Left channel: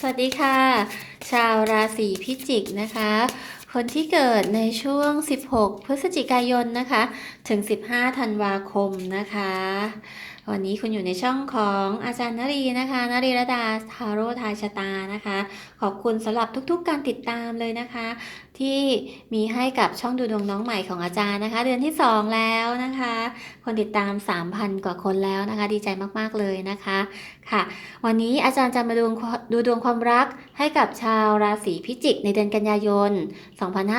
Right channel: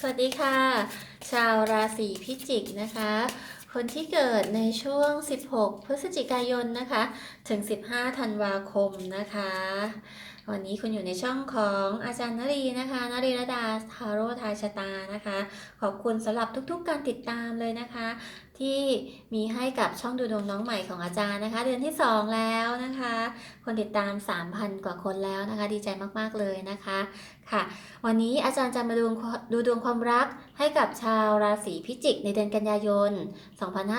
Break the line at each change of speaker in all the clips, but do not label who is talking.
สวัสดีค่ะ ชาวราศีพิจิกนะคะ คนที่เกิดในช่วง 16 พฤศจิกายนนะคะ ถึง 15 ธันวาคมนะคะ วันนี้คุณอยู่ในช่องของอาจารย์นรีนะคะนรีรดาทาโร่ทายชะตานะคะ ขอบคุณสำหรับทุกๆ การติดตามเลยนะคะ ที่มีให้กับช่องดูดวงน้องใหม่ของอาจารย์นะคะ เดือนที่ 2 แล้วนะคะ คนติดตาม 3,000 กว่าคนแล้วนะคะ ดีใจมากๆเลยนะคะค่ะ วันนี้อาจารย์จะมาดูดูดวงความรักให้กับชาวราศีพิจิกในเดือนกันยายน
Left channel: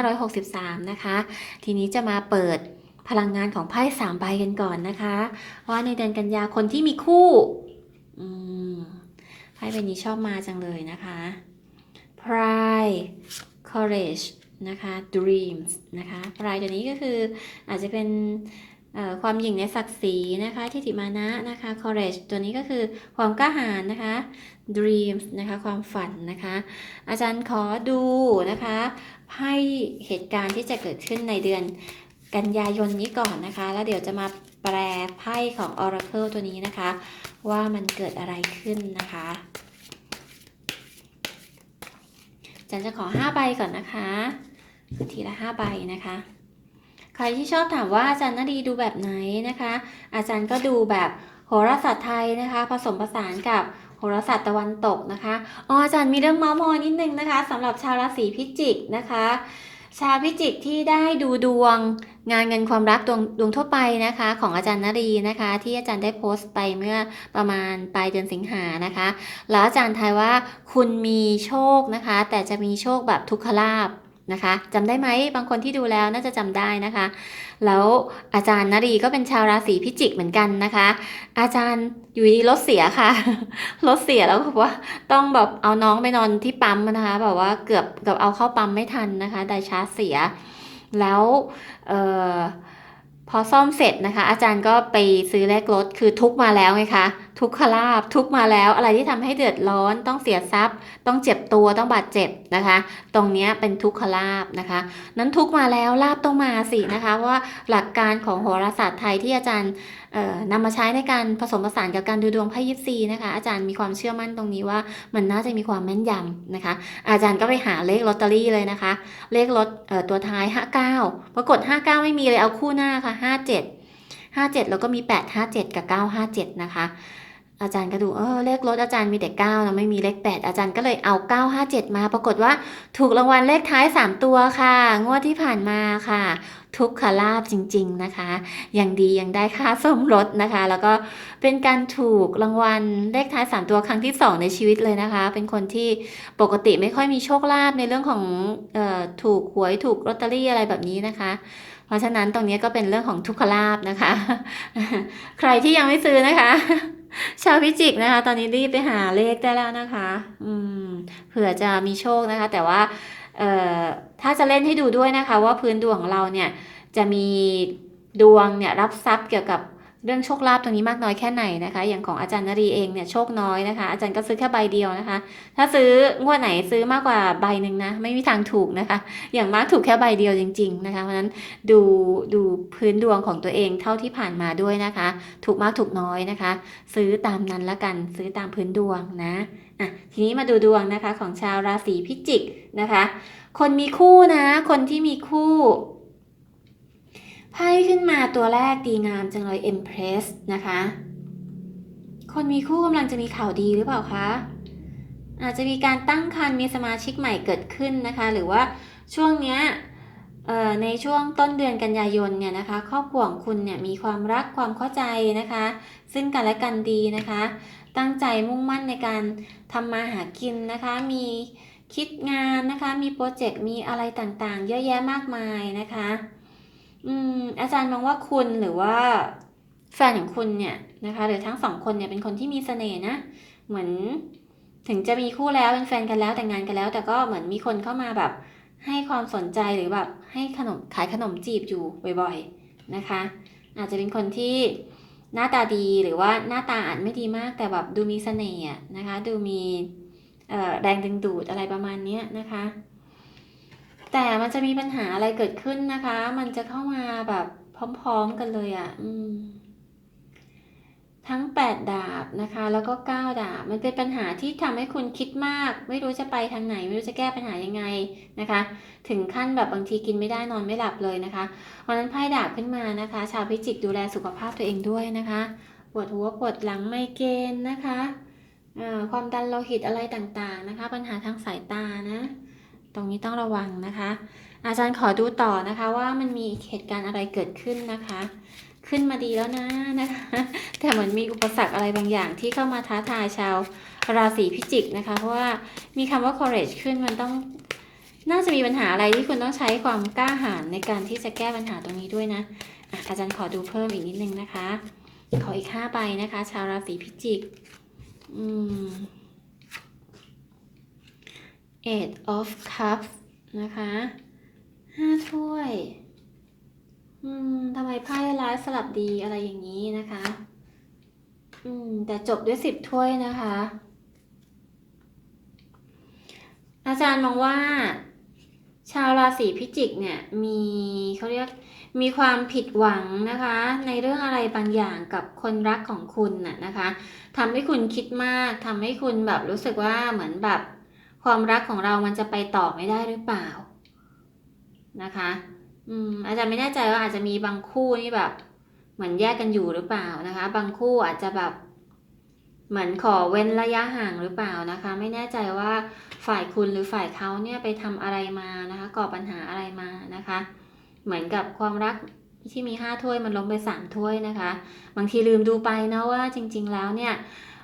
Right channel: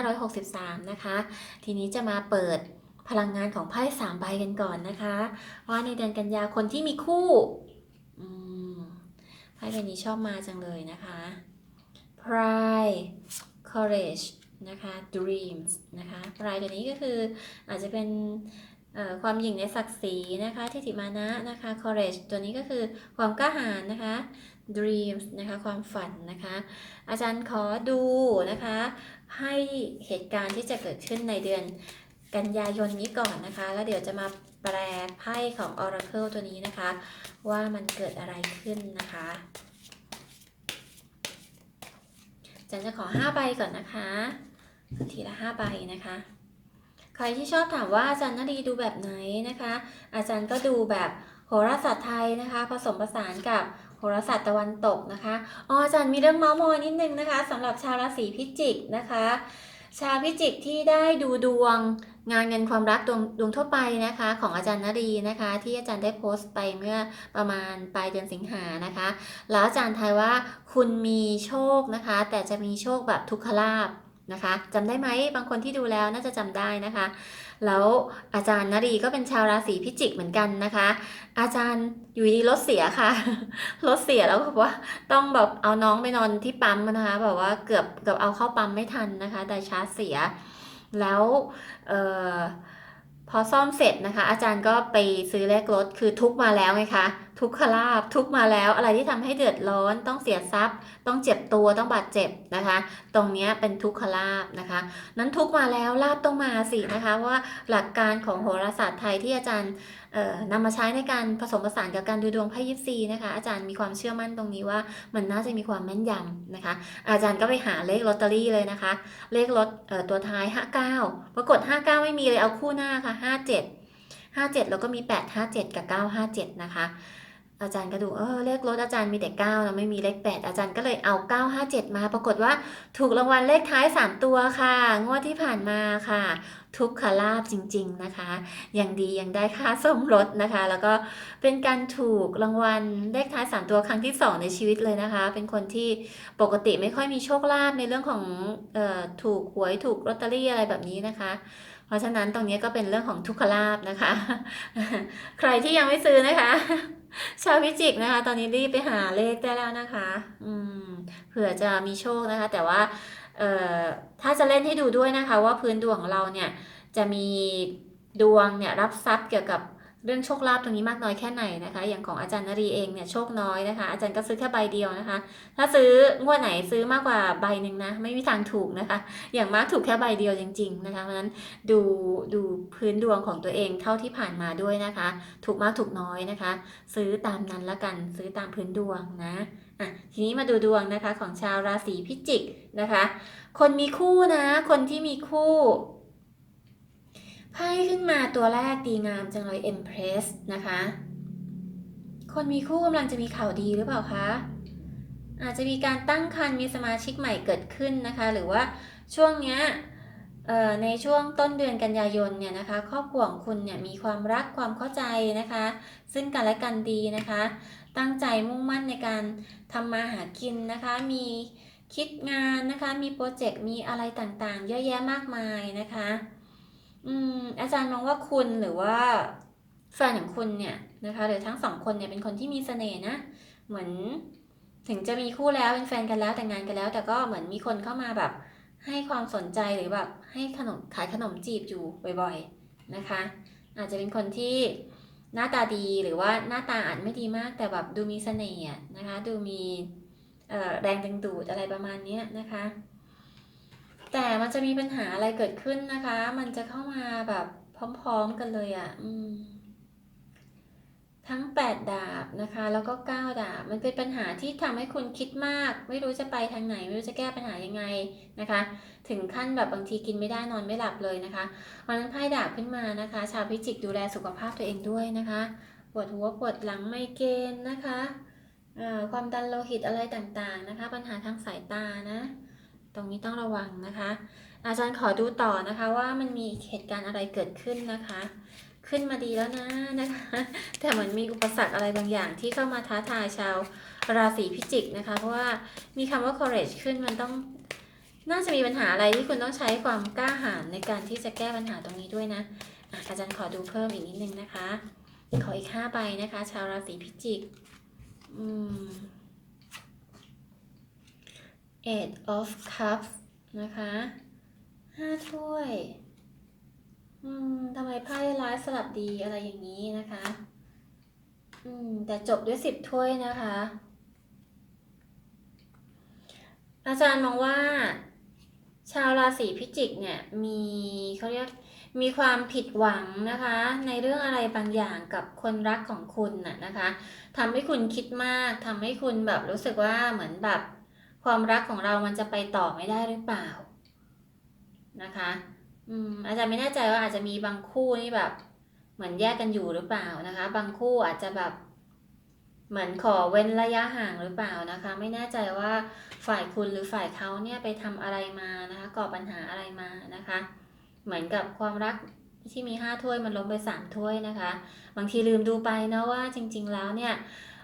2563 นะคะ ทีนี้จะมาเปิดพลังงานของไพ่สามใบกันก่อนนะคะว่าในเดือนกันยาคนที่มีคู่ไพ่ใบนี้ชอบมาจังเลยนะคะ Pride Courage นะคะ Dreams นะคะ Pride ตัวนี้ก็คืออาจจะเป็นความหยิ่งในศักดิ์ศรีนะคะทิฏฐิมานะนะคะ courage ตัวนี้ก็คือความกล้าหาญนะคะ dreams นะคะความฝันนะคะ อาจารย์ขอดูนะคะให้เหตุการณ์ที่จะเกิดขึ้นในเดือนกันยายนนี้ก่อนนะคะ แล้วเดี๋ยวจะมาแปลไพ่ของ Oracle ตัวนี้นะคะ ว่ามันเกิดอะไรขึ้นนะคะอาจารย์จะขอ5ใบก่อนนะคะ ทีละ5ใบนะคะ ใครที่ชอบถามว่าอาจารย์นาดีดูแบบไหนนะคะ อาจารย์ก็ดูแบบโหราศาสตร์ไทยนะคะ ผสมผสานกับโหราศาสตร์ตะวันตกนะคะอ๋ออาจารย์มีเรื่องเมาส์มอยนิดนึงนะคะสำหรับชาวราศีพิจิกนะคะ ชาวพิจิกที่ได้ดูดวงงานเงินความรักดวงดวงทั่วไปนะคะ ของอาจารย์นรีนะคะ ที่อาจารย์ได้โพสต์ไปเมื่อประมาณปลายเดือนสิงหานะคะ แล้วอาจารย์ทายว่าคุณมีโชคนะคะ แต่จะมีโชคแบบทุกขลาบ นะคะจำได้ไหมบางคนที่ดูแล้วน่าจะจำได้นะคะ แล้วอาจารย์นรีก็เป็นชาวราศีพิจิกเหมือนกันนะคะ อาจารย์อยู่ดีรถเสียค่ะรถเสียแล้วแบบว่าต้องแบบเอาน้องไปนอนที่ปั๊มนะคะแบบว่าเกือบเกือบเอาเข้าปั๊มไม่ทันนะคะไดชาร์จเสีย แล้วเออพอซ่อมเสร็จนะคะ อาจารย์ก็ไปซื้อแลกรถคือทุกมาแล้วไงคะ ทุกขลาบทุกมาแล้วอะไรที่ทำให้เดือดร้อนต้องเสียทรัพย์ ต้องเจ็บตัวต้องบาดเจ็บนะคะ ตรงนี้เป็นทุกขลาบนะคะ นั้นทุกมาแล้วลาบต้องมาสินะคะเพราะว่าหลักการของโหราศาสตร์ไทยที่อาจารย์นำมาใช้ในการผสมผสานกับการดูดวงไพ่ยิปซีนะคะอาจารย์มีความเชื่อมั่นตรงนี้ว่ามันน่าจะมีความแม่นยำนะคะ อาจารย์ก็ไปหาเลขลอตเตอรี่เลยนะคะ เลขรถเอ่อตัวท้าย 59 ปรากฏ 59 ไม่มีเลยเอาคู่หน้าค่ะ 57 57 แล้วก็มี 857 กับ 957 นะคะ อาจารย์ก็ดูเออเลขรถอาจารย์มีแต่9นะไม่มีเลข 8 อาจารย์ก็เลยเอา 957 มาปรากฏว่าถูกรางวัลเลขท้าย 3 ตัวค่ะ งวดที่ผ่านมาค่ะ ทุกขลาบจริง ๆนะคะยังดียังได้ค่าสมรสนะคะ แล้วก็เป็นการถูกรางวัลเลขท้าย 3 ตัวครั้งที่ 2 ในชีวิตเลยนะคะ เป็นคนที่ปกติไม่ค่อยมีโชคลาภในเรื่องของออถูกหวยถูกลอตเตอรี่อะไรแบบนี้นะคะเพราะฉะนั้นตรงนี้ก็เป็นเรื่องของทุกขลาบนะคะ ใครที่ยังไม่ซื้อนะคะ ชาวพิจิกนะคะ ตอนนี้รีบไปหาเลขได้แล้วนะคะ อืมเผื่อจะมีโชคนะคะ แต่ว่าเอ่อถ้าจะเล่นให้ดูด้วยนะคะ ว่าพื้นดวงของเราเนี่ยจะมีดวงเนี่ยรับทรัพย์เกี่ยวกับ เรื่องโชคลาภตรงนี้มากน้อยแค่ไหนนะคะ อย่างของอาจารย์นรีเองเนี่ยโชคน้อยนะคะ อาจารย์ก็ซื้อแค่ใบเดียวนะคะ ถ้าซื้องวดไหนซื้อมากกว่าใบหนึ่งนะไม่มีทางถูกนะคะ อย่างมากถูกแค่ใบเดียวจริง ๆ นะคะเพราะฉะนั้นดูดูพื้นดวงของตัวเองเท่าที่ผ่านมาด้วยนะคะ ถูกมากถูกน้อยนะคะ ซื้อตามนั้นละกันซื้อตามพื้นดวงนะอะทีนี้มาดูดวงนะคะของชาวราศีพิจิกนะคะ คนมีคู่นะ คนที่มีคู่ ไพ่ขึ้นมาตัวแรกดีงามจังเลย Empress นะคะ คนมีคู่กำลังจะมีข่าวดีหรือเปล่าคะ อาจจะมีการตั้งครรภ์มีสมาชิกใหม่เกิดขึ้นนะคะ หรือว่าช่วงเนี้ยในช่วงต้นเดือนกันยายนเนี่ยนะคะ ครอบครัวของคุณเนี่ยมีความรักความเข้าใจนะคะ ซึ่งกันและกันดีนะคะ ตั้งใจมุ่งมั่นในการทำมาหากินนะคะ มีคิดงานนะคะ มีโปรเจกต์มีอะไรต่างๆ เยอะแยะมากมายนะคะ อืมอาจารย์มองว่าคุณหรือว่าแฟนของคุณเนี่ยนะคะหรือทั้งสองคนเนี่ยเป็นคนที่มีเสน่ห์นะ เหมือนถึงจะมีคู่แล้วเป็นแฟนกันแล้วแต่งงานกันแล้ว แต่ก็เหมือนมีคนเข้ามาแบบ ให้ความสนใจหรือแบบให้ขนมขายขนมจีบอยู่บ่อยๆนะคะ อาจจะเป็นคนที่หน้าตาดีหรือว่าหน้าตาอาจไม่ดีมากแต่แบบดูมีเสน่ห์นะคะ ดูมีแรงดึงดูดอะไรประมาณนี้นะคะ แต่มันจะมีปัญหาอะไรเกิดขึ้นนะคะ มันจะเข้ามาแบบพร้อมๆกันเลยอะ่ะทั้ง 8 ดาบนะคะ แล้วก็ 9 ดาบ มันเป็นปัญหาที่ทำให้คุณคิดมาก ไม่รู้จะไปทางไหน ไม่รู้จะแก้ปัญหายังไงนะคะ ถึงขั้นแบบบางทีกินไม่ได้นอนไม่หลับเลยนะคะวันนั้นไพ่ดาบขึ้นมานะคะ ชาวพิจิกดูแลสุขภาพตัวเองด้วยนะคะปวดหัวปวดหลังไมเกรนนะคะความดันโลหิตอะไรต่างๆนะคะ ปัญหาทางสายตานะ รงนี้ต้องระวังนะคะ อาจารย์ขอดูต่อนะคะว่ามันมีเหตุการณ์อะไรเกิดขึ้นนะคะ ขึ้นมาดีแล้วนะนะคะ แต่เหมือนมีอุปสรรคอะไรบางอย่างที่เข้ามาท้าทายชาวราศีพิจิกนะคะ เพราะว่ามีคำว่า courage ขึ้นมันต้องน่าจะมีปัญหาอะไรที่คุณต้องใช้ความกล้าหาญในการที่จะแก้ปัญหาตรงนี้ด้วยนะอะอาจารย์ขอดูเพิ่มอีกนิดนึงนะคะ ขออีกห้าใบนะคะ ชาวราศีพิจิก อืม eight of cups นะคะห้าถ้วย อืมทำไมไพ่ร้ายสลับดีอะไรอย่างนี้นะคะ อืม แต่จบด้วยสิบถ้วยนะคะ อาจารย์มองว่า ชาวราศีพิจิกเนี่ย มีเขาเรียกมีความผิดหวังนะคะ ในเรื่องอะไรบางอย่างกับคนรักของคุณน่ะนะคะทำให้คุณคิดมากทำให้คุณแบบรู้สึกว่าเหมือนแบบ ความรักของเรามันจะไปต่อไม่ได้หรือเปล่านะคะ อืมอาจารย์ไม่แน่ใจว่าอาจจะมีบางคู่นี่แบบ เหมือนแยกกันอยู่หรือเปล่านะคะ บางคู่อาจจะแบบ เหมือนขอเว้นระยะห่างหรือเปล่านะคะ ไม่แน่ใจว่าฝ่ายคุณหรือฝ่ายเขาเนี่ยไปทำอะไรมานะคะ ก่อปัญหาอะไรมานะคะ เหมือนกับความรักที่มีห้าถ้วยมันลงไปสามถ้วยนะคะ บางทีลืมดูไปนะว่าจริง ๆ แล้วเนี่ย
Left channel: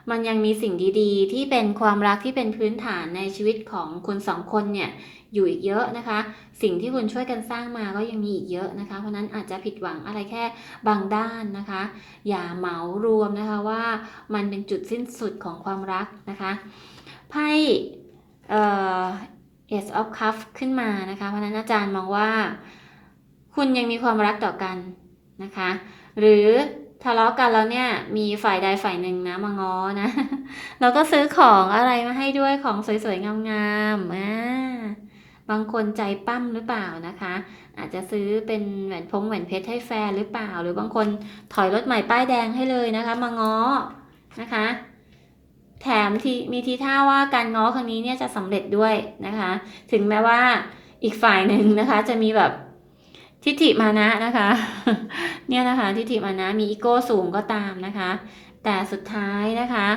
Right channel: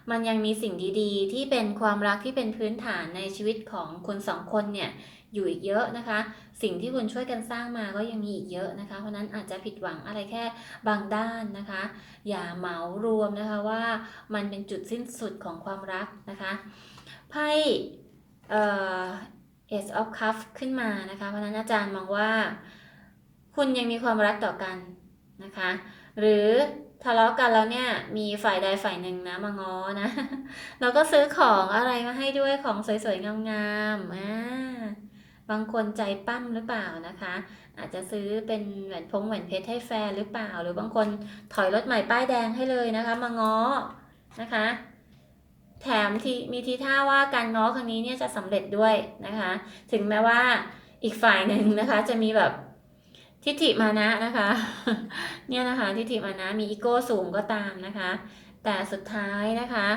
มันยังมีสิ่งดีๆ ที่เป็นความรักที่เป็นพื้นฐานในชีวิตของคนสองคนเนี่ยอยู่อีกเยอะนะคะ สิ่งที่คุณช่วยกันสร้างมาก็ยังมีอีกเยอะนะคะ เพราะนั้นอาจจะผิดหวังอะไรแค่บางด้านนะคะ อย่าเหมารวมนะคะว่ามันเป็นจุดสิ้นสุดของความรักนะคะไพ่เอ่อ Ace of Cups ขึ้นมานะคะ เพราะฉะนั้นอาจารย์มองว่า คุณยังมีความรักต่อกันนะคะ หรือ ทะเลาะกันแล้วเนี่ย มีฝ่ายใดฝ่ายหนึ่งนะมาง้อนะ แล้วก็ซื้อของอะไรมาให้ด้วยของสวยๆงามๆอ่าบางคนใจปั้มหรือเปล่านะคะ อาจจะซื้อเป็นแหวนพงแหวนเพชรให้แฟนหรือเปล่า หรือบางคนถอยรถใหม่ป้ายแดงให้เลยนะคะ มาง้อนะคะ แถมทีมีทีท่าว่าการง้อครั้งนี้เนี่ยจะสำเร็จด้วยนะคะ ถึงแม้ว่าอีกฝ่ายหนึ่งนะคะ จะมีแบบ ทิฏฐิมานะนะคะ เนี่ยนะคะทิฏฐิมานะมีอีโก้สูงก็ตามนะคะ แต่สุดท้ายนะคะ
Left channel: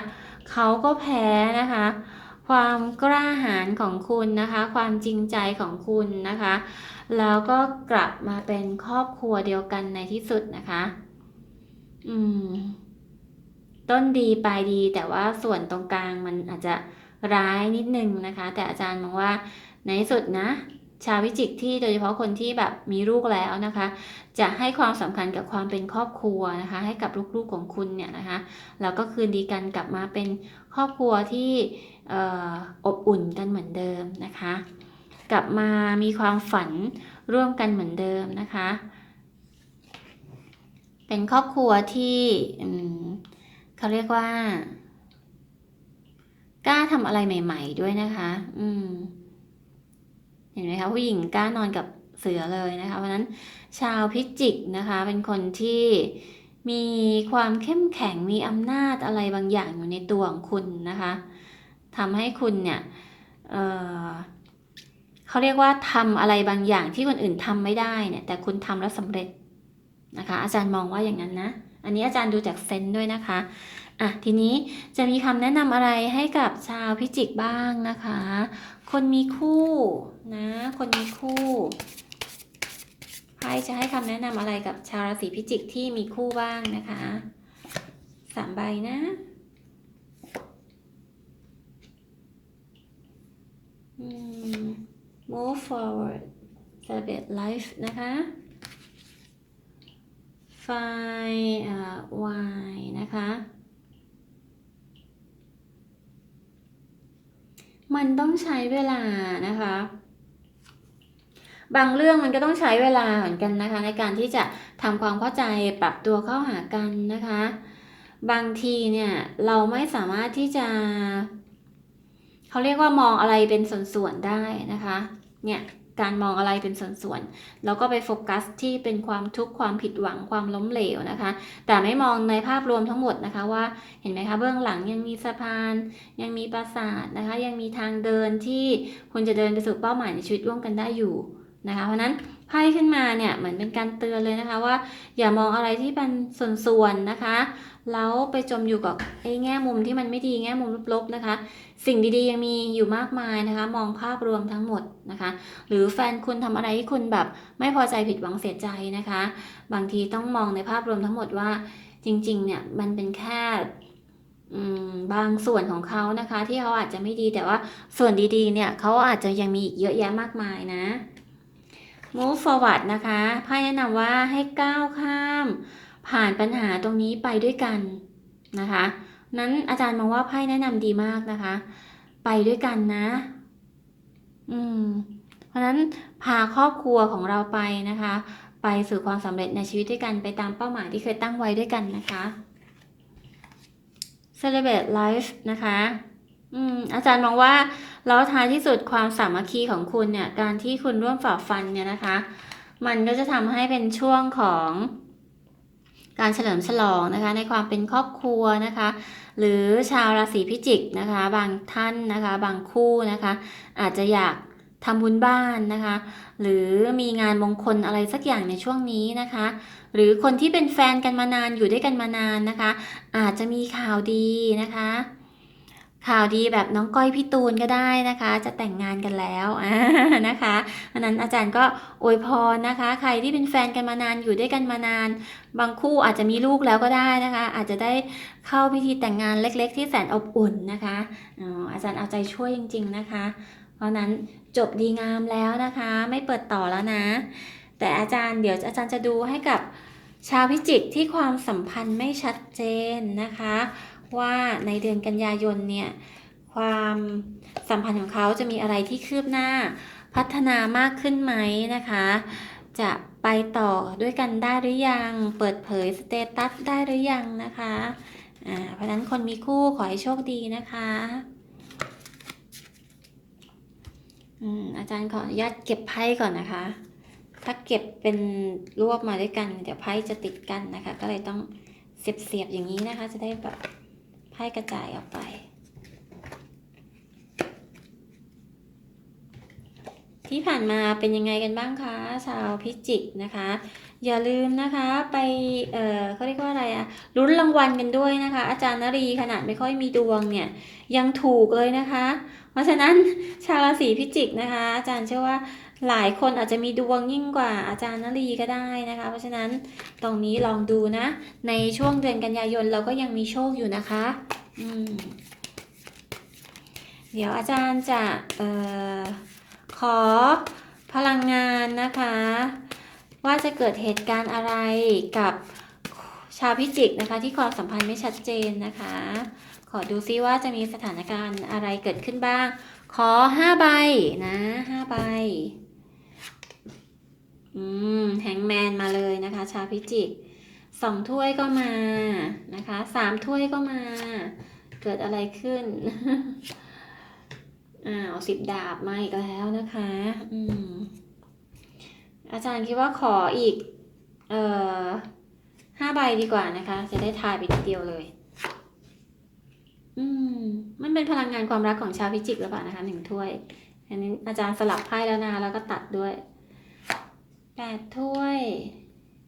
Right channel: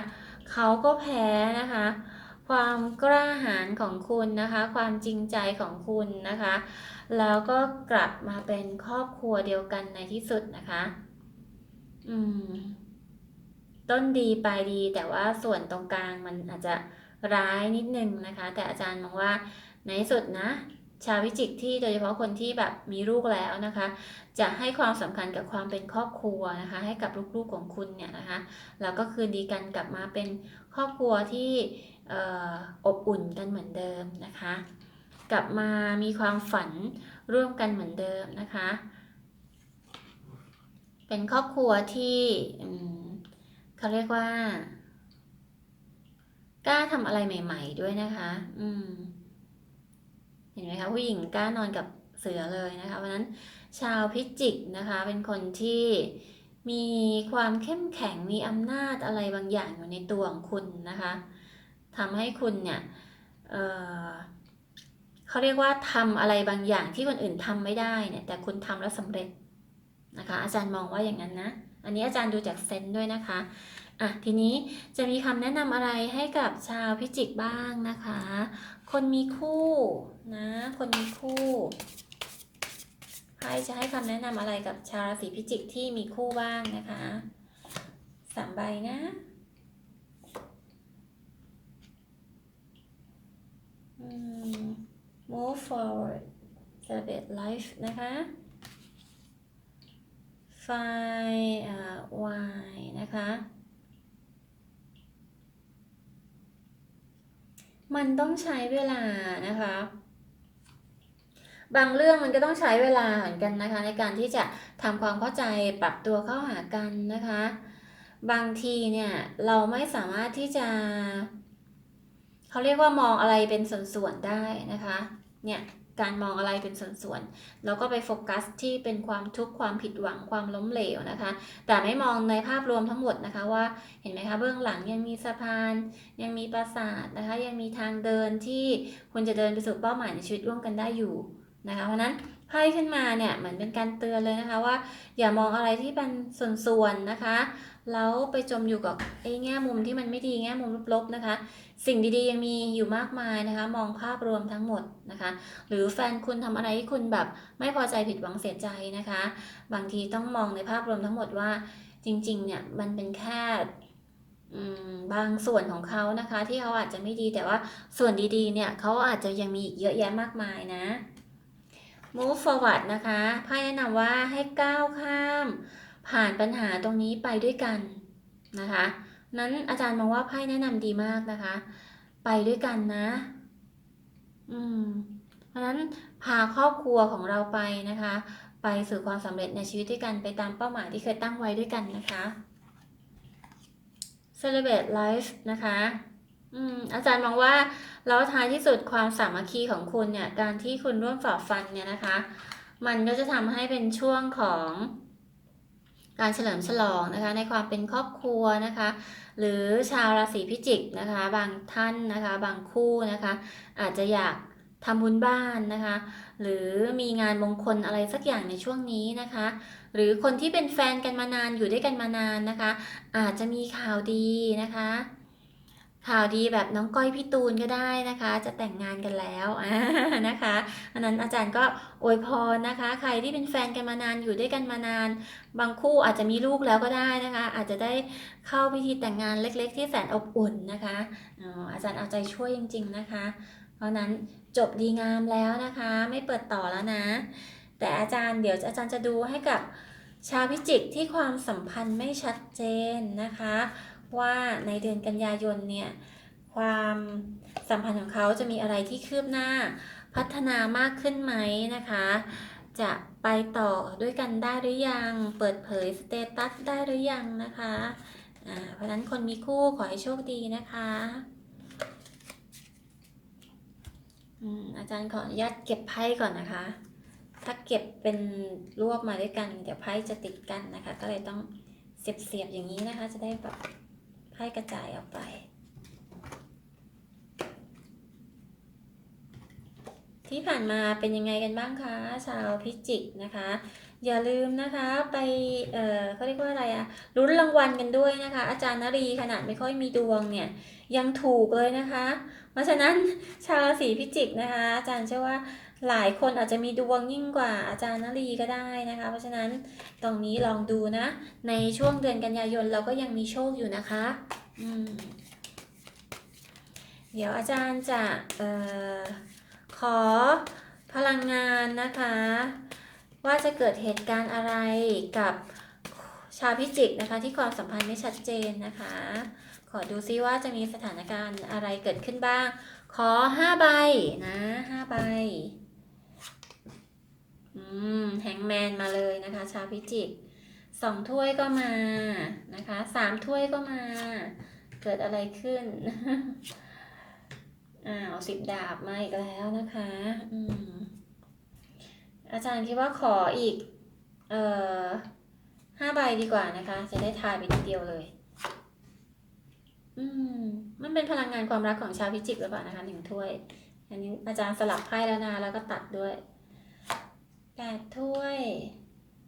เขาก็แพ้นะคะ ความกล้าหาญของคุณนะคะ ความจริงใจของคุณนะคะ แล้วก็กลับมาเป็นครอบครัวเดียวกันในที่สุดนะคะ อืม ต้นดีปลายดีแต่ว่าส่วนตรงกลางมันอาจจะร้ายนิดนึงนะคะ แต่อาจารย์มองว่าในที่สุดนะ ชาววิจิกที่โดยเฉพาะคนที่แบบมีลูกแล้วนะคะ จะให้ความสำคัญกับความเป็นครอบครัวนะคะ ให้กับลูกๆของคุณเนี่ยนะคะแล้วก็คืนดีกันกลับมาเป็นครอบครัวที่ออบอุ่นกันเหมือนเดิมนะคะ กลับมามีความฝันร่วมกันเหมือนเดิมนะคะ เป็นครอบครัวที่เขาเรียกว่า กล้าทำอะไรใหม่ ๆ ด้วยนะคะ อืม ห็นไหมคะผู้หญิงกล้านอนกับเสือเลยนะคะเพราะนั้นชาวพิจิกนะคะเป็นคนที่มีความเข้มแข็งมีอำนาจอะไรบางอย่างอยู่ในตัวของคุณนะคะทำให้คุณเนี่ยเเขาเรียกว่าทำอะไรบางอย่างที่คนอื่นทำไม่ได้เนี่ยแต่คุณทำแล้วสำเร็จนะคะอาจารย์มองว่าอย่างนั้นนะ อันนี้อาจารย์ดูจากเซนส์ด้วยนะคะอะทีนี้จะมีคำแนะนำอะไรให้กับชาวพิจิกบ้างนะคะ คนมีคู่นะ คนมีคู่ไพ่จะให้คำแนะนำอะไรกับชาวราศีพิจิกที่มีคู่บ้างนะคะสามใบนะอืม move forward celebrate life นะคะ find uh, why นะคะ มันต้องใช้เวลานะคะ บางเรื่องมันก็ต้องใช้เวลาเหมือนกันนะคะ ในการที่จะทำความเข้าใจปรับตัวเข้าหากันนะคะ บางทีเนี่ยเราไม่สามารถที่จะเขาเรียกว่ามองอะไรเป็นส่วนๆได้นะคะ เนี่ย การมองอะไรเป็นส่วนๆแล้วก็ไปโฟกัสที่เป็นความทุกข์ความผิดหวังความล้มเหลวนะคะ แต่ไม่มองในภาพรวมทั้งหมดนะคะว่าเห็นไหมคะเบื้องหลังยังมีสะพาน ยังมีปราสาทนะคะ ยังมีทางเดินที่คุณจะเดินไปสู่เป้าหมายในชีวิตร่วมกันได้อยู่นะคะ เพราะนั้นไพ่ขึ้นมาเนี่ยเหมือนเป็นการเตือนเลยนะคะว่า อย่ามองอะไรที่เป็นส่วนๆนะคะ แล้วไปจมอยู่กับไอ้แง่มุมที่มันไม่ดีแง่มุมลบๆนะคะ สิ่งดีๆยังมีอยู่มากมายนะคะ มองภาพรวมทั้งหมดนะคะ หรือแฟนคุณทำอะไรที่คุณแบบไม่พอใจผิดหวังเสียใจนะคะ บางทีต้องมองในภาพรวมทั้งหมดว่าจริงๆเนี่ยมันเป็นแค่บางส่วนของเขานะคะ ที่เขาอาจจะไม่ดีแต่ว่าส่วนดีๆเนี่ยเขาอาจจะยังมีอีกเยอะแยะมากมายนะ move forward นะคะไพ่แนะนำว่าให้ก้าวข้าม ผ่านปัญหาตรงนี้ไปด้วยกันนะคะ นั้นอาจารย์มองว่าไพ่แนะนำดีมากนะคะ ไปด้วยกันนะ อืม เพราะนั้นพาครอบครัวของเราไปนะคะ ไปสู่ความสำเร็จในชีวิตด้วยกันไปตามเป้าหมายที่เคยตั้งไว้ด้วยกันนะคะ celebrate life นะคะอืมอาจารย์มองว่าแล้วท้ายที่สุดความสามัคคีของคุณเนี่ย การที่คุณร่วมฝ่าฟันเนี่ยนะคะ มันก็จะทำให้เป็นช่วงของ การเฉลิมฉลองนะคะ ในความเป็นครอบครัวนะคะ หรือชาวราศีพิจิกนะคะ บางท่านนะคะ บางคู่นะคะ อาจจะอยากทำบุญบ้านนะคะ หรือมีงานมงคลอะไรสักอย่างในช่วงนี้นะคะ หรือคนที่เป็นแฟนกันมานานอยู่ด้วยกันมานานนะคะ อาจจะมีข่าวดีนะคะ ข่าวดีแบบน้องก้อยพี่ตูนก็ได้นะคะ จะแต่งงานกันแล้วนะคะเพราะนั้นอาจารย์ก็อวยพรนะคะ ใครที่เป็นแฟนกันมานานอยู่ด้วยกันมานาน บางคู่อาจจะมีลูกแล้วก็ได้นะคะ อาจจะได้เข้าพิธีแต่งงานเล็ก ๆ ที่แสนอบอุ่นนะคะอาจารย์เอาใจช่วยจริง ๆนะคะ เพราะฉะนั้นจบดีงามแล้วนะคะ ไม่เปิดต่อแล้วนะ แต่อาจารย์เดี๋ยวอาจารย์จะดูให้กับชาวพิจิกที่ความสัมพันธ์ไม่ชัดเจนนะคะ ว่าในเดือนกันยายนเนี่ยความสัมพันธ์ของเขาจะมีอะไรที่คืบหน้าพัฒนามากขึ้นไหมนะคะ จะไปต่อด้วยกันได้หรือยัง เปิดเผยสเตตัสได้หรือยังนะคะอ่าเพราะนั้นคนมีคู่ขอให้โชคดีนะคะอืมอาจารย์ขออนุญาตเก็บไพ่ก่อนนะคะ ถ้าเก็บเป็นรวบมาด้วยกัน เดี๋ยวไพ่จะติดกันนะคะ ก็เลยต้องเสียบๆอย่างนี้นะคะ จะได้แบบ ไพ่กระจายออกไป ที่ผ่านมาเป็นยังไงกันบ้างคะ ชาวพิจิกนะคะ อย่าลืมนะคะไปเออเขาเรียกว่าอะไรอะลุ้นรางวัลกันด้วยนะคะ อาจารย์นรีขนาดไม่ค่อยมีดวงเนี่ยยังถูกเลยนะคะ เพราะฉะนั้นชาวราศีพิจิกนะคะ อาจารย์เชื่อว่า หลายคนอาจจะมีดวงยิ่งกว่าอาจารย์นรีก็ได้นะคะ เพราะฉะนั้นตรงนี้ลองดูนะ ในช่วงเดือนกันยายนเราก็ยังมีโชคอยู่นะคะอืมเดี๋ยวอาจารย์จะเออขอพลังงานนะคะ ว่าจะเกิดเหตุการณ์อะไรกับชาวพิจิกนะคะ ที่ความสัมพันธ์ไม่ชัดเจนนะคะ ขอดูซิว่าจะมีสถานการณ์อะไรเกิดขึ้นบ้าง ขอห้าใบนะห้าใบ อืมแฮงแมนมาเลยนะคะ ชาวพิจิกสองถ้วยก็มานะคะสามถ้วยก็มา เกิดอะไรขึ้นอ้าวสิบดาบมาอีกแล้วนะคะ อืมอาจารย์คิดว่าขออีก เอ่อห้าใบดีกว่านะคะ จะได้ทายไปทีเดียวเลย อืม มันเป็นพลังงานความรักของชาวพิจิกหรือเปล่านะคะหนึ่งถ้วย อันนี้อาจารย์สลับไพ่แล้วนะแล้วก็ตัดด้วย แปดถ้วย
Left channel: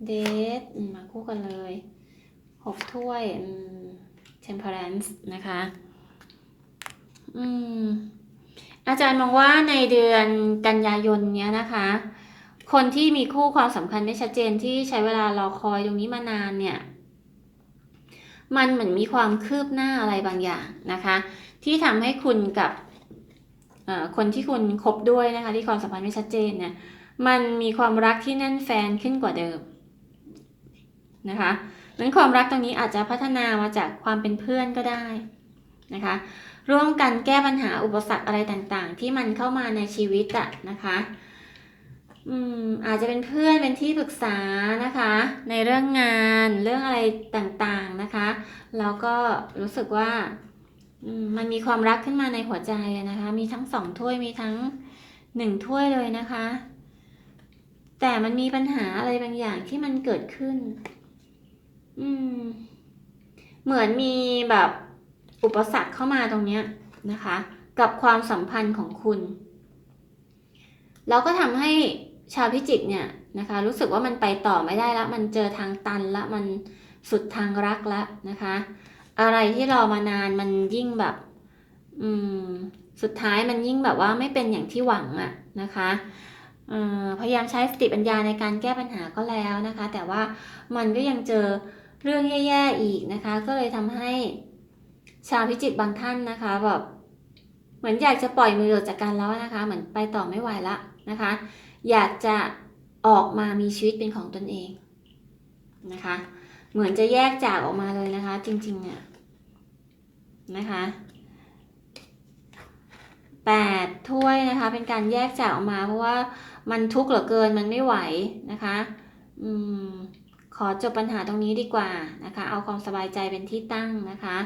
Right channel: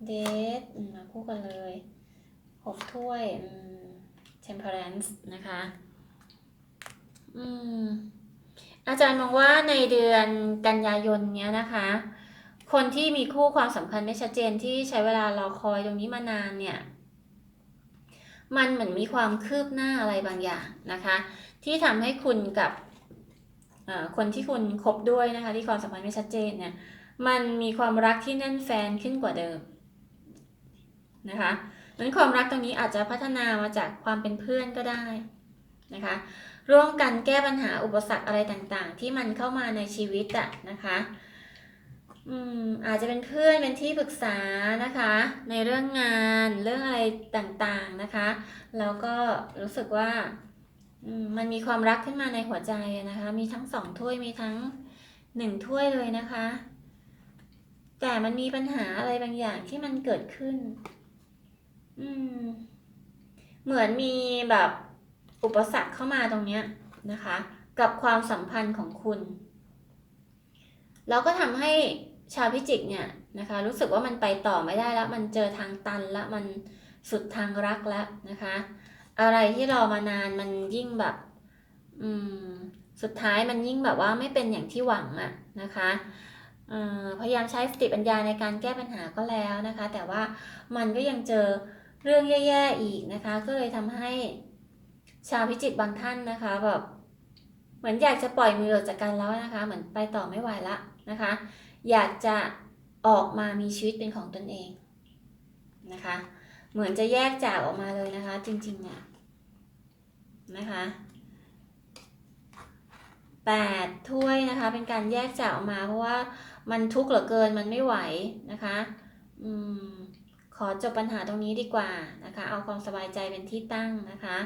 เดทมาคู่กันเลยหกถ้วยอืม temperance นะคะอืมอาจารย์มองว่าในเดือนกันยายนเนี้ยนะคะ คนที่มีคู่ความสัมพันธ์ไม่ชัดเจนที่ใช้เวลารอคอยตรงนี้มานานเนี่ย มันเหมือนมีความคืบหน้าอะไรบางอย่างนะคะ ที่ทำให้คุณกับคนที่คุณคบด้วยนะคะ ที่ความสัมพันธ์ไม่ชัดเจนเนี่ย มันมีความรักที่แน่นแฟนขึ้นกว่าเดิมนะคะนั้นความรักตรงนี้อาจจะพัฒนามาจากความเป็นเพื่อนก็ได้นะคะร่วมกันแก้ปัญหาอุปสรรคอะไรต่างๆ ที่มันเข้ามาในชีวิตอะนะคะอืมอาจจะเป็นเพื่อนเป็นที่ปรึกษานะคะ ในเรื่องงานเรื่องอะไรต่างๆนะคะแล้วก็รู้สึกว่ามมันมีความรักขึ้นมาในหัวใจนะคะ มีทั้งสองถ้วยมีทั้งหนึ่งถ้วยเลยนะคะ แต่มันมีปัญหาอะไรบางอย่างที่มันเกิดขึ้น อืม เหมือนมีแบบอุปสรรคเข้ามาตรงเนี้ยนะคะ กับความสัมพันธ์ของคุณ แล้วก็ทำให้ชาวพิจิกเนี่ยนะคะ รู้สึกว่ามันไปต่อไม่ได้แล้ว มันเจอทางตันแล้วมันสุดทางรักแล้วนะคะ อะไรที่รอมานานมันยิ่งแบบ อืม สุดท้ายมันยิ่งแบบว่าไม่เป็นอย่างที่หวังอะนะคะ พยายามใช้สติปัญญาในการแก้ปัญหาก็แล้วนะคะ แต่ว่ามันก็ยังเจอเรื่องแย่ๆอีกนะคะ ก็เลยทำให้ชาวพิจิกบางท่านนะคะแบบเหมือนอยากจะปล่อยมือออกจากกันแล้วนะคะ เหมือนไปต่อไม่ไหวละนะคะ อยากจะออกมามีชีวิตเป็นของตนเองนะคะ เหมือนจะแยกจากออกมาเลยนะคะ จริงๆเนี่ยนะคะ แปดถ้วยนะคะ เป็นการแยกจกออกมา เพราะว่ามันทุกข์เหลือเกินมันไม่ไหวนะคะอืมขอจบปัญหาตรงนี้ดีกว่านะคะ เอาความสบายใจเป็นที่ตั้งนะคะ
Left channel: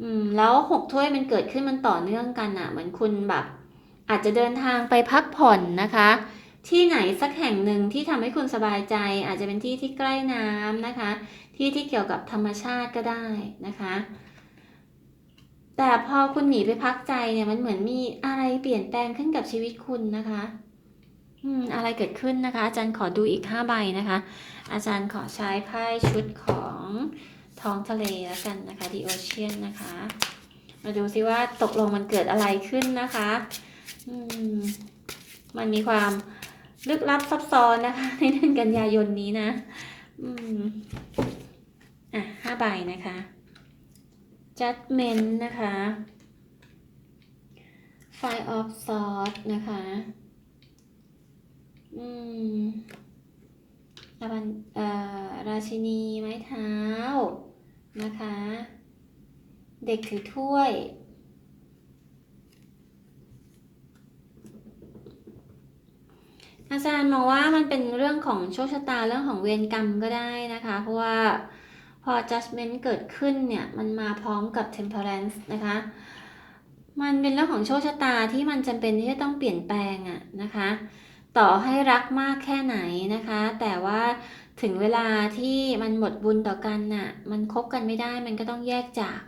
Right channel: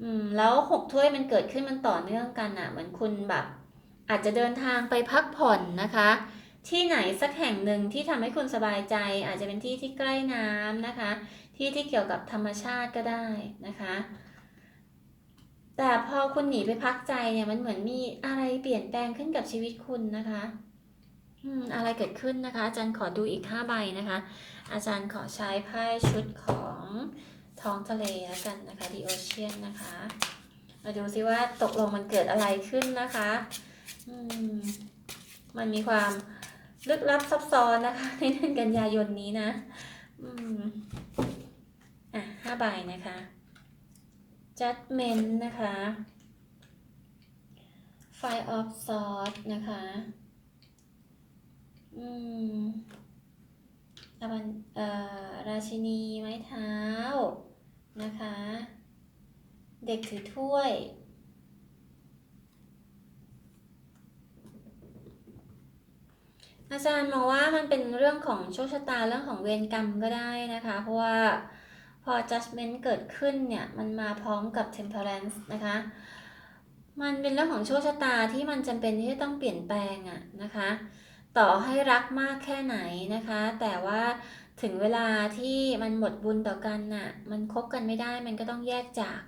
อืมแล้วหกถ้วยมันเกิดขึ้นมันต่อเนื่องกันอะ่ะ เหมือนคุณแบบ อาจจะเดินทางไปพักผ่อนนะคะ ที่ไหนสักแห่งหนึ่งที่ทำให้คุณสบายใจ อาจจะเป็นที่ที่ใกล้น้ำนะคะ ที่ที่เกี่ยวกับธรรมชาติก็ได้นะคะ แต่พอคุณหนีไปพักใจเนี่ยมันเหมือนมีอะไรเปลี่ยนแปลงขึ้นกับชีวิตคุณนะคะ อืม อะไรเกิดขึ้นนะคะ อาจารย์ขอดูอีก5ใบนะคะ อาจารย์ขอใช้ไพ่ชุดของท้องทะเลแล้วกันนะคะ The Ocean นะคะ มาดูซิว่าตกลงมันเกิดอะไรขึ้นนะคะ อืม มันมีความลึกลับซับซ้อนนะคะในเดือนกันยายนนี้นะ อืม อะห้าใบนะคะ judgment นะคะ five of swords นะคะ อืมอบันเอ่อราชินีไม้เท้า นะคะ เด็กถือถ้วย อาจารย์มองว่ามันเป็นเรื่องของโชคชะตาเรื่องของเวรกรรมก็ได้นะคะ เพราะว่า พอ judgment เกิดขึ้นเนี่ยมันมาพร้อมกับ temperance นะคะ มันเป็นเรื่องของโชคชะตาที่มันจำเป็นที่จะต้องเปลี่ยนแปลงอะนะคะ ต่อให้รักมากแค่ไหนนะคะ แต่ว่าถึงเวลาที่มันหมดบุญต่อกันน่ะ มันคบกันไม่ได้มันก็ต้องแยกจาก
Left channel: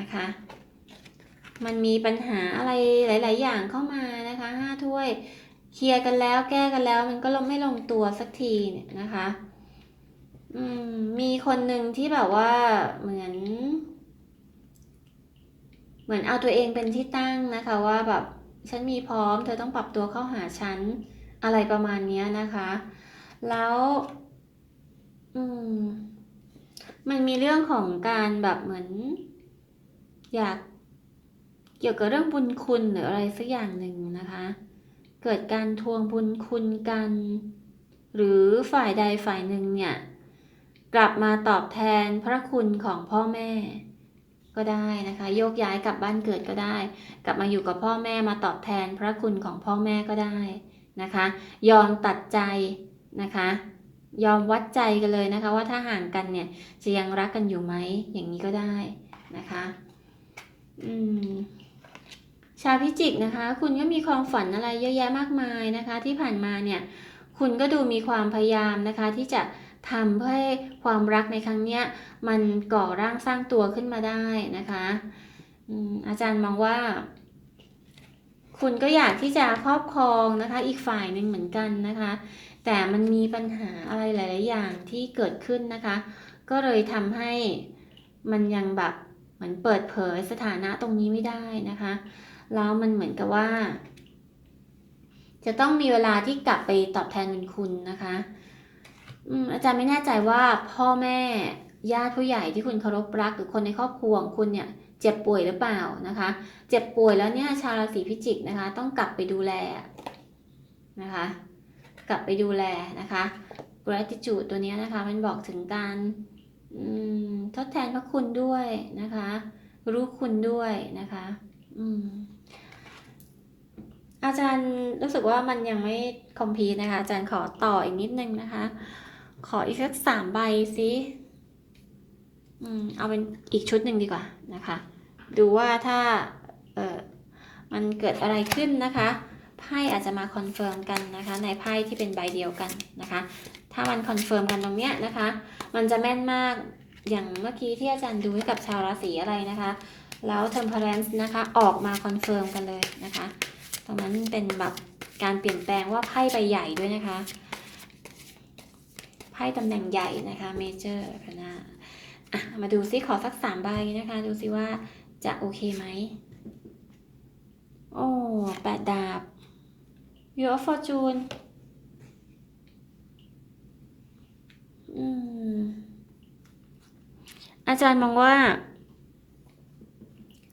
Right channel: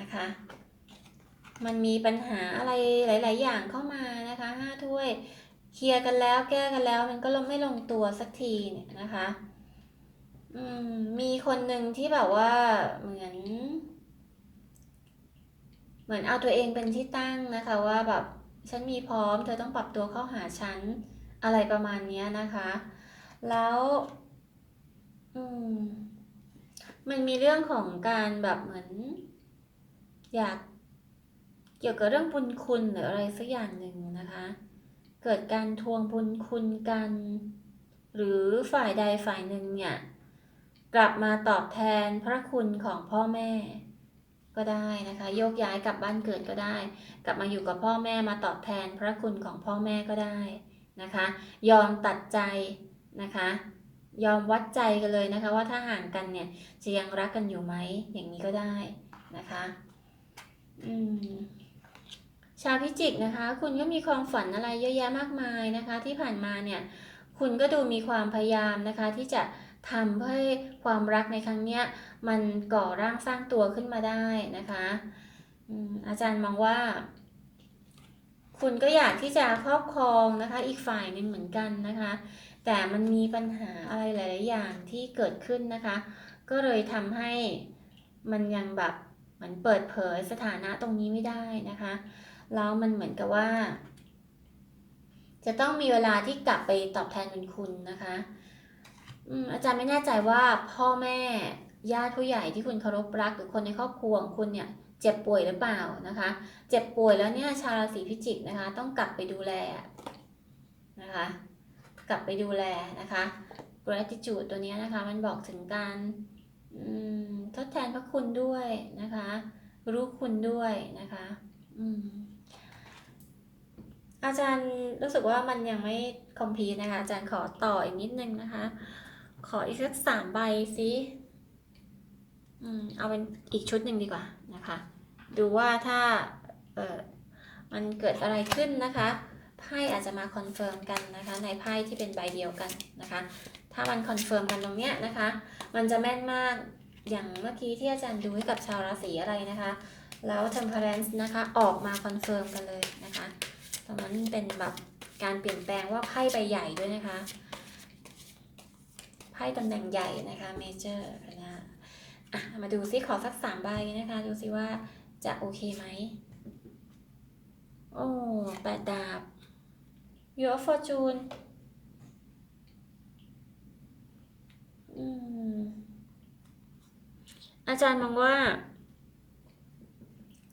นะคะ มันมีปัญหาอะไรหลาย ๆ อย่างเข้ามานะคะห้าถ้วย เคลียร์กันแล้วแก้กันแล้วมันก็ลงไม่ลงตัวสักทีเนี่ยนะคะ อืม มีคนหนึ่งที่แบบว่าเหมือน เหมือนเอาตัวเองเป็นที่ตั้งนะคะ ว่าแบบฉันมีพร้อม เธอต้องปรับตัวเข้าหาฉันอะไรประมาณนี้นะคะ แล้ว อืม มันมีเรื่องของการแบบเหมือน อยากเกี่ยวกับเรื่องบุญคุณหรืออะไรสักอย่างหนึ่งนะคะ เกิดการทวงบุญคุณกัน หรือฝ่ายใดฝ่ายหนึ่งเนี่ย กลับมาตอบแทนพระคุณของพ่อแม่ ก็ได้นะคะ โยกย้ายกลับบ้านเกิดก็ได้ กลับมาอยู่กับพ่อแม่มาตอบแทนพระคุณของพ่อแม่ก็ได้นะคะ ยอมตัดใจนะคะ ยอมวัดใจกันเลยนะคะ ว่าถ้าห่างกันเนี่ยจะยังรักกันอยู่ไหมอย่างนี้ก็ได้นะคะอืมชาวพิจิกนะคะ คุณก็มีความฝันอะไรเยอะแยะมากมายนะคะ ที่ผ่านมาเนี่ย คุณก็ดูมีความพยายามนะคะ ที่จะ ทำเพื่อให้ความรักในครั้งเนี้ยมันก่อร่างสร้างตัวขึ้นมาได้นะคะอาจารย์มองว่า คุณก็อยากที่จะครอบครองนะคะ อีกฝ่ายหนึ่งเหมือนกันนะคะ แต่มันมีปัญหาอะไรหลาย ๆ อย่างที่เกิดขึ้นนะคะ ก็เลยทำให้มันยังแบบเหมือนเปิดเผยสถานะตรงนี้ไม่ได้นะคะแล้วมันเหมือนกับว่า จะต้องมีเวลาที่กลับไปตอบแทนคุณนะคะ อืมอาจารย์ไม่แน่ใจว่าพ่อแม่ญาติผู้ใหญ่ที่คุณเคารพรักหรือคนในครอบครัวของคุณเนี่ยเจ็บป่วยหรือเปล่านะคะ เจ็บป่วยแล้วเนี่ยชาวราศีพิจิกนะคะ ต้องกลับไปดูแลนะคะ กลับไปดูแลนะคะ gratitude ตัวนี้นะคะมันบอกถึงการทดแทนพระคุณด้วยนะคะ รู้คุณด้วยนะคะอาจารย์รู้สึกว่ามันยังไม่คอมพีนะคะ อาจารย์ขอต่ออีกนิดนึงนะคะ ขออีกสักสามใบสิอืมเอาเป็นอีกชุดหนึ่งดีกว่านะคะ ดูว่าถ้าเออมันเกิดอะไรขึ้นนะคะไพ่อาจจะมาคอนเฟิร์มกันนะคะ ในไพ่ที่เป็นใบเดียวกันนะคะ ถ้ามันคอนเฟิร์มกันตรงเนี้ยนะคะ มันจะแม่นมากอย่างเมื่อกี้ที่อาจารย์ดูให้กับชาวราศีอะไรนะคะ แล้ว temperance นะคะออกมาคอนเฟิร์มกันเลยนะคะตรงนั้นเป็นแบบการเปลี่ยนแปลงว่าไพ่ใบใหญ่ด้วยนะคะ ไพ่ตำแหน่งใหญ่นะคะ major นะอะมาดูซิขอสักสามใบนะคะ ดูซิว่าจะโอเคไหม โอ้แปดดาบ Your Fortune อาจารย์มองว่า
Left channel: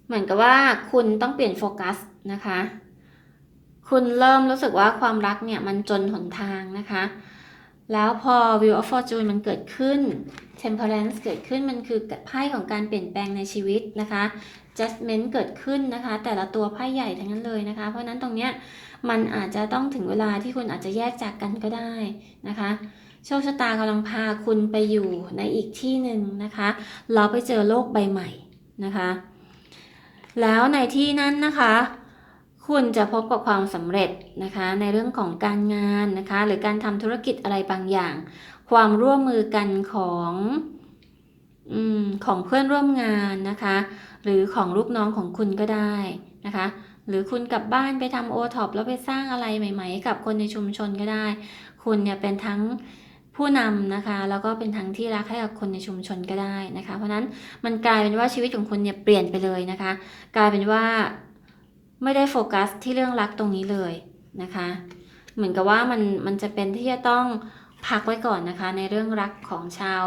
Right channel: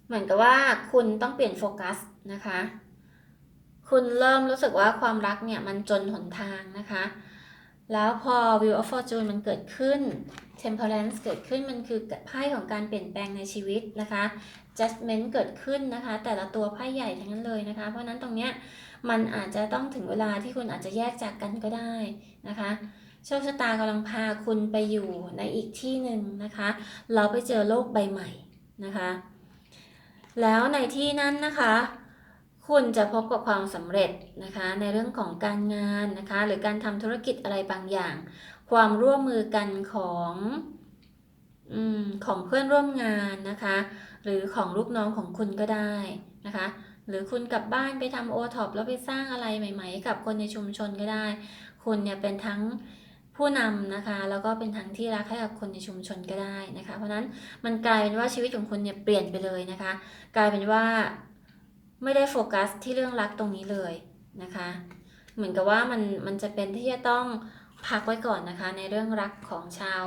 เหมือนกับว่าคุณต้องเปลี่ยนโฟกัสนะคะ คุณเริ่มรู้สึกว่าความรักเนี่ยมันจนหนทางนะคะ แล้วพอ Wheel of Fortune มันเกิดขึ้น Temperance เกิดขึ้นมันคือไพ่ของการเปลี่ยนแปลงในชีวิตนะคะ Judgment เกิดขึ้นนะคะ แต่ละตัวไพ่ใหญ่ทั้งนั้นเลยนะคะ เพราะนั้นตรงเนี้ยมันอาจจะต้องถึงเวลาที่คุณอาจจะแยกจากกันก็ได้นะคะโชคชะตากำลังพาคุณไปอยู่ในอีกที่หนึ่งนะคะ เราไปเจอโลกใบใหม่นะคะ แล้วในที่นั้นนะคะ คุณจะพบกับความสำเร็จนะคะ ในเรื่องของการงานนะคะ หรือการทำธุรกิจอะไรบางอย่าง ความร่วมมือกันของอของเพื่อนร่วมงานนะคะ หรือของลูกน้องของคุณก็ได้นะคะ หรือคุณกลับบ้านไปทำโอท็อปแล้วไปสร้างอะไรใหม่ ๆ กับคนในชุมชนก็ได้ คุณเนี่ยเป็นทั้งผู้นำนะคะ แล้วก็เป็นทั้งที่รักให้กับคนในชุมชนก็ได้นะคะ เพราะนั้นมันกลายเป็นว่าชีวิตของคุณเนี่ยเปลี่ยนไปเลยนะคะ กลายเป็นว่า ไม่ได้โฟกัสที่เรื่องรักตรงนี้เลยนะคะ เหมือนกับว่ามันมันจะเป็นที่จะต้องพักไว้ก่อนนะคะ ในเรื่องรักของชาว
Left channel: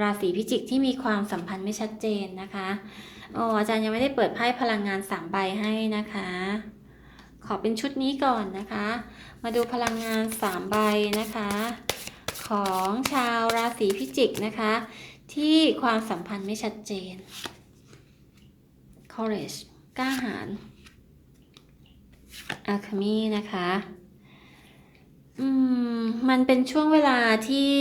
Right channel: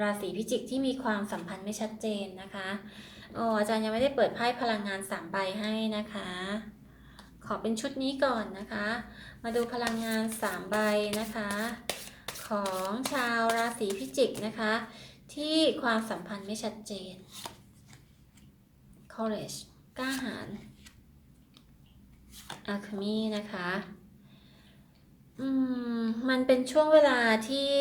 ราศีพิจิกที่มีความสัมพันธ์ไม่ชัดเจนนะคะโอ้อาจารย์ยังไม่ได้เปิดไพ่พลังงานสามใบให้นะคะ ขอเป็นชุดนี้ก่อนนะคะ มาดูพลังงานสามใบนะคะ ของชาวราศีพิจิกนะคะ ที่ความสัมพันธ์ไม่ชัดเจน courage กล้าหาญ alchemy นะคะ อืม มันเป็นช่วงเวลาที่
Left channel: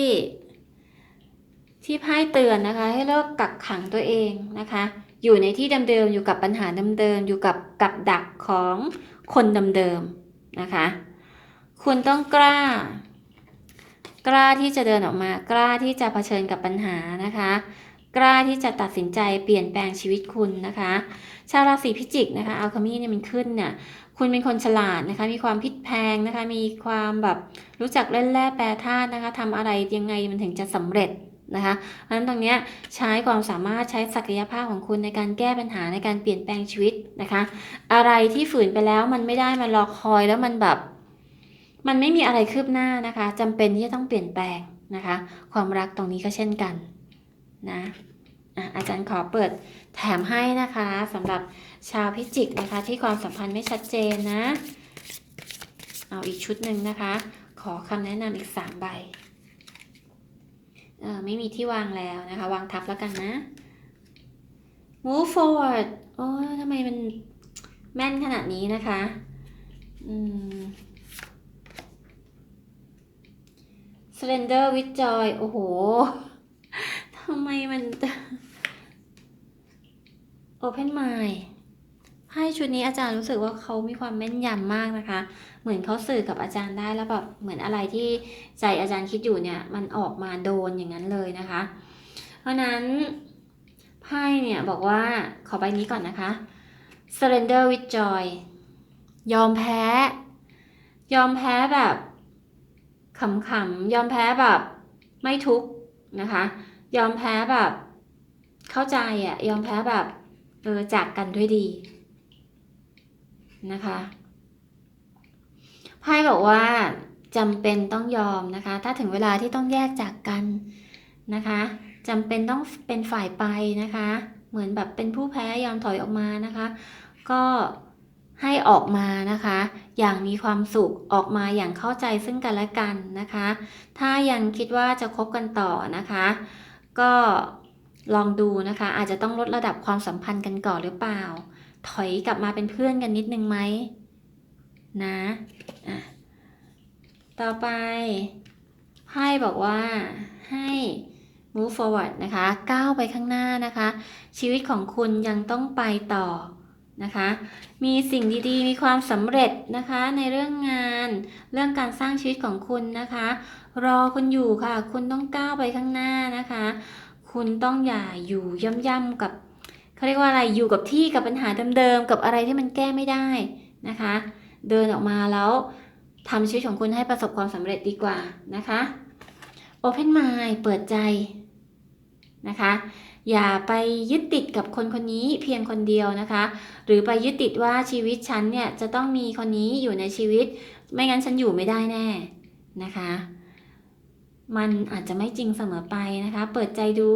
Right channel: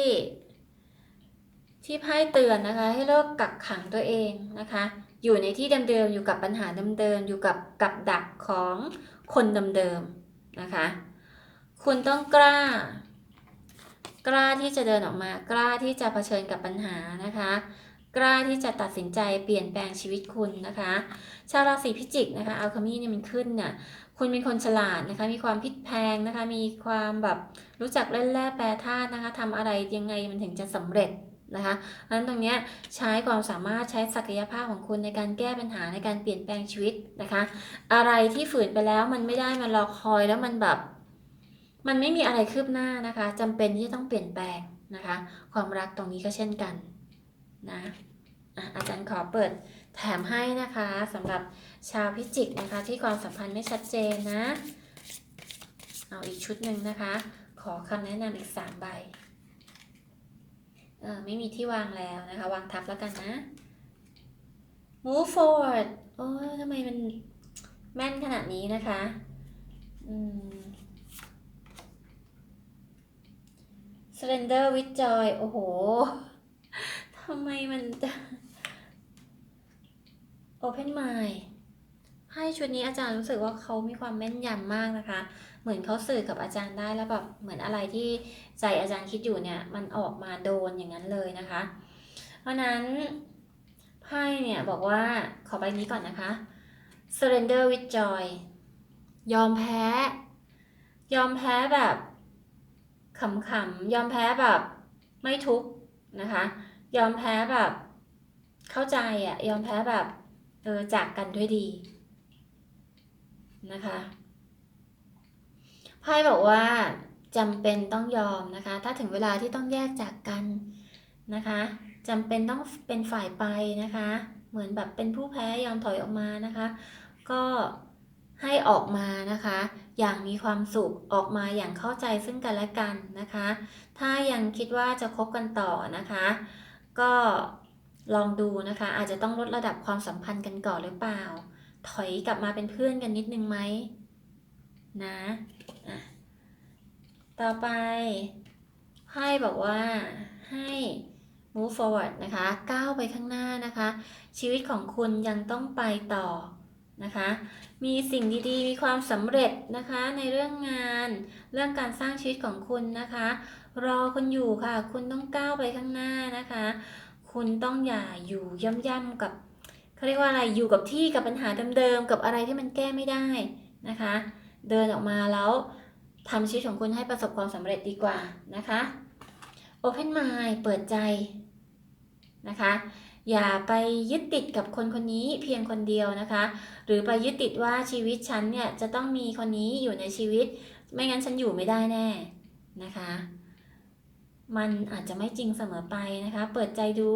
ที่ไพ่เตือนนะคะ ให้เลิกกักขังตัวเองนะคะ อยู่ในที่เดิมๆอยู่กับปัญหาเดิมๆอยู่กับกับดักของคนเดิมๆนะคะ คุณต้องกล้า กล้าที่จะเดินออกมา กล้าที่จะเผชิญกับปัญหานะคะกล้าที่จะตัดสินใจเปลี่ยนแปลงชีวิตคุณนะคะ ชาวราศีพิจิกนะคะอัลคามีเนี่ยมันขึ้นเนี่ย คุณเป็นคนฉลาดนะคะ มีความพลิกแพงนะคะ มีความแบบรู้จักเล่นแร่แปรธาตุนะคะทำอะไรยังไงมันถึงจะสำเร็จนะคะเพราะฉะนั้นตรงนี้ใช้ความสามารถใช้ศักยภาพของคุณในการแก้ปัญหาในการเปลี่ยนแปลงชีวิตนะคะ อะไรที่ฝืนไปแล้วมันไม่ได้มันรอคอยแล้วมันแบบ มันไม่มีอะไรคืบหน้านะคะจำเป็นที่จะต้องเปลี่ยนแปลงนะคะ ความรักตรงนี้ก็เช่นกันนะอะอาจารย์ขอเปิดแถมให้นะคะสำหรับ ชาวพิจิกนะคะที่ความสัมพันธ์ไม่ชัดเจนนะ เอาอีกชุดหนึ่งนะคะ ขอคำแนะนำอีกสามใบเออไม่มีที่วางแล้วนะคะ วางทับแล้วกันนะ move forward โอ้ทำไมมันแม่นขนาดนี้นะคะ อืม Slender with Joy โอ้โหทำไมมัน Open Mind ให้ชุดนี้อาจารย์รู้สึกว่าเขามีความแม่นยำมากนะคะ เหมือนเขาสื่อกับอาจารย์ได้แล้วแบบเหมือนอะไรที่ใจอาจารย์คิดอยู่เนี่ยมันออกมาโดนอย่างนั้นเลยนะคะ เพราะนั้นไพ่เนี่ยบอกว่าขอใบนี้ก่อนนะคะ surrender with joy ยอมแพ้ ยอมแพ้แบบขำๆยอมแพ้แบบไม่ทุกนะคะ ยอมแพ้แบบเข้าใจอะยอมแพ้แบบเออจากกันด้วยดี นะคะไพ่บอกว่าจำเป็นต้องยอมนะคะ ถ้าถึงเวลาที่ต้องแยกจากกันนะคะจำเป็นต้องเป็นฝ่ายไปนะคะ เหมือนแบบเป็นผู้แพ้ยอมถอยออกมานะคะ ก็ให้ออกมานะคะ อย่างมีความสุขออกมาอย่างเข้าใจซึ่งกันและกันนะคะ ถ้ายังคิดว่าจะคบกันต่อนะคะ ก็ลองดูนะคะ อาจจะต้องลดระดับความสัมพันธ์กันก่อนหรือเปล่า ถอยกลับมาเป็นเพื่อนกันนิดนึงไหมนะอะต่อไปไพ่บอกว่าให้ move forward นะคะก้าวไปข้างหน้านะคะ ชีวิตของคุณยังต้องไปต่อนะคะ มีสิ่งดีๆ มีความสำเร็จนะคะ ในเรื่องงาน เรื่องการสร้างชีวิตของคุณนะคะ รอคุณอยู่ค่ะ คุณต้องก้าวไปข้างหน้านะคะ คุณต้องอย่าอยู่ย่ำๆกับ เขาเรียกว่าอะไรอยู่กับที่กับปัญหาเดิมๆกับอะไรที่มันแก้ไม่ได้นะคะ เดินออกมาแล้วทำชีวิตของคุณให้ประสบความสำเร็จดีกว่านะคะ Open Mind เปิดใจนะคะ อย่าไปยึดติดกับคนคนนี้เพียงคนเดียวนะคะ หรือไปยึดติดว่าชีวิตฉันเนี่ยจะต้องมีคนนี้อยู่ในชีวิต ไม่งั้นฉันอยู่ไม่ได้แน่นะคะ มันอาจจะไม่จริงเสมอไปนะคะ เปิดใจดู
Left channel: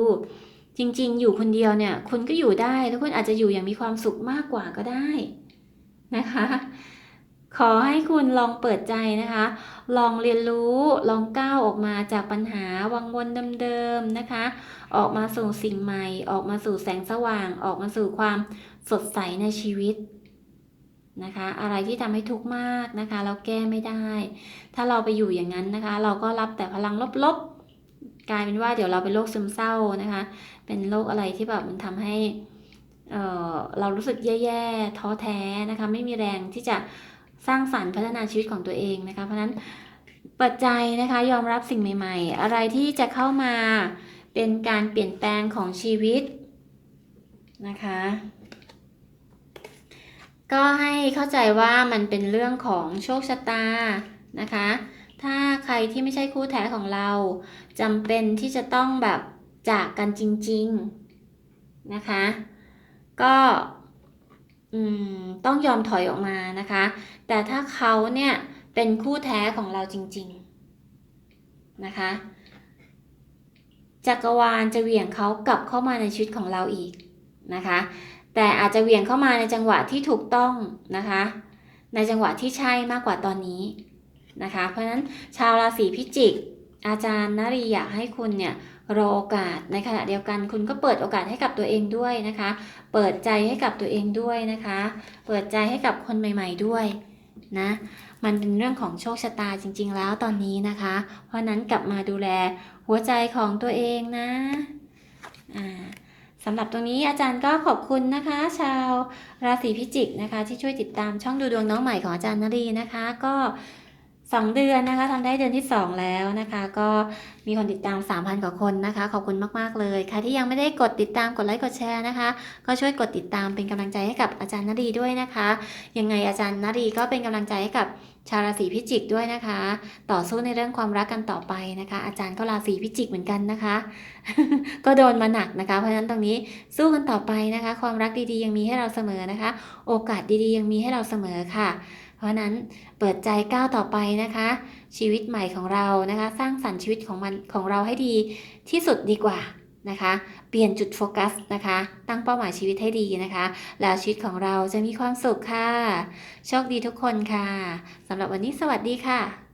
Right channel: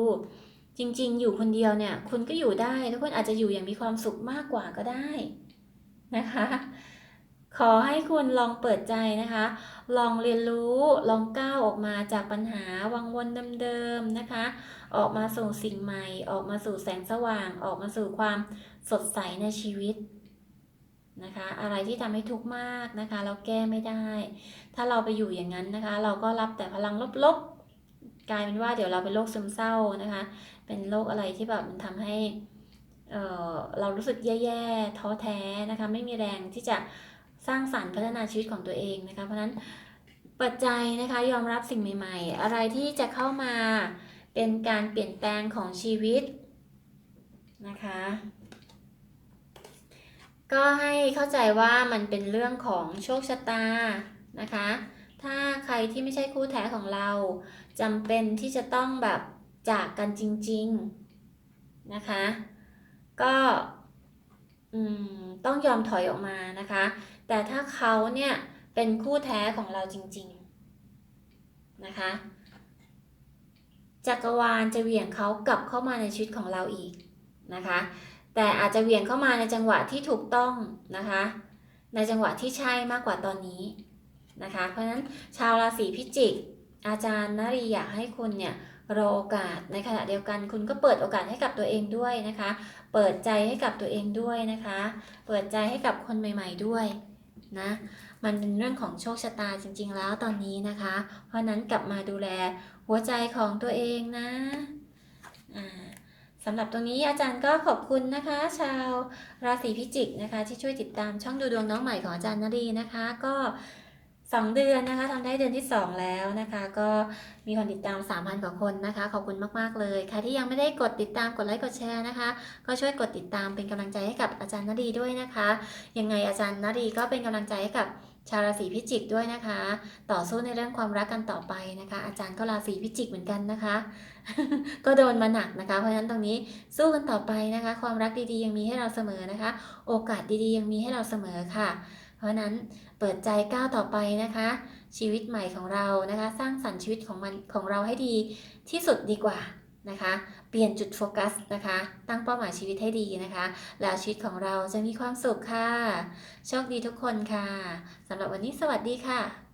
จริงๆ อยู่คนเดียวเนี่ย คุณก็อยู่ได้ทุกคนอาจจะอยู่อย่างมีความสุขมากกว่าก็ได้นะคะ ขอให้คุณลองเปิดใจนะคะ ลองเรียนรู้ลองก้าวออกมาจากปัญหาวังวนเดิมๆนะคะ ออกมาสู่สิ่งใหม่ ออกมาสู่แสงสว่าง ออกมาสู่ความสดใสในชีวิตนะคะ อะไรที่ทำให้ทุกข์มากนะคะ เราแก้ไม่ได้ ถ้าเราไปอยู่อย่างนั้นนะคะ เราก็รับแต่พลังลบๆกลายเป็นว่าเดี๋ยวเราเป็นโรคซึมเศร้านะคะ เป็นโรคอะไรที่แบบมันทำให้เอ่อเรารู้สึกแย่ๆท้อแท้นะคะไม่มีแรงที่จะสร้างสรรค์พัฒนาชีวิตของตัวเองนะคะ เพราะฉะนั้นเปิดใจนะคะยอมรับสิ่งใหม่ ๆ อะไรที่จะเข้ามาเป็นการเปลี่ยนแปลงของชีวิตนะคะ ก็ให้เข้าใจว่ามันเป็นเรื่องของโชคชะตานะคะ ถ้าใครที่ไม่ใช่คู่แท้ของเราจำเป็นที่จะต้องแบบ จากกันจริง ๆ นะคะ ก็ต้องยอมถอยออกมานะคะ แต่ถ้าเขาเนี่ยเป็นคู่แท้ของเราจริง ๆ นะคะ จักรวาลจะเหวี่ยงเขากลับเข้ามาในชีวิตของเราอีกนะคะ แต่อาจจะเหวี่ยงเข้ามาในจังหวะที่ถูกต้องนะคะ ในจังหวะที่ใช่มากกว่าตอนนี้นะคะ เพราะฉะนั้นชาวราศีพิจิก อาจารย์นารีอยากให้คุณเนี่ย รอโอกาสในขณะเดียวกัน คุณก็เปิดโอกาสให้กับตัวเองด้วยนะคะ เปิดใจให้กับตัวเองด้วยนะคะ เปิดใจให้กับคนใหม่ ๆด้วยนะมันเป็นเรื่องของโชคชะตาจริง ๆ แล้วตอนนี้นะคะ เพราะนั้นกลับมาดูแลหัวใจของตัวเองนะอ่าสำหรับตรงนี้อาจารย์ก็ขอบคุณนะคะ ชาวราศีพิจิกนะคะ ที่ช่วยติดตามช่องดูดวงน้องใหม่ของอาจารย์นรีนะคะ ก็ 2 เดือนนะคะทำได้เดือนที่ 2 แล้วนะคะ ก็มีคนติดตาม 3,000 กว่าคนนะคะ ขอบคุณมาก ๆ เลย ใครที่ยังไม่ได้กดติดตามกดไลค์กดแชร์นะคะ ก็ช่วยกดติดตามเป็นกำลังใจให้กับอาจารย์นรีด้วยนะคะ ยังไงอาจารย์นรีก็เป็นกำลังใจให้กับชาวราศีพิจิกด้วยนะคะ ต่อสู้ในเรื่องความรักกันต่อไปนะคะ อาจารย์ก็ราศีพิจิกเหมือนกันนะคะ ก็โดนมาหนักนะคะ เพราะฉะนั้นตรงนี้สู้กันต่อไปนะคะ ความรักดีๆยังมีให้เราเสมอนะคะ โอกาสดีๆ ยังมีให้เราเสมอค่ะ เพราะฉะนั้น เปิดใจก้าวต่อไปนะคะ ชีวิตใหม่ของเรานะคะ สร้างสรรค์ชีวิตของมันของเราให้ดีที่สุดดีกว่านะคะ เปลี่ยนจุดโฟกัสนะคะ ตั้งเป้าหมายชีวิตให้ดีนะคะ แล้วชีวิตของเราจะมีความสุขค่ะ โชคดีทุกคนค่ะสำหรับวันนี้สวัสดีค่ะ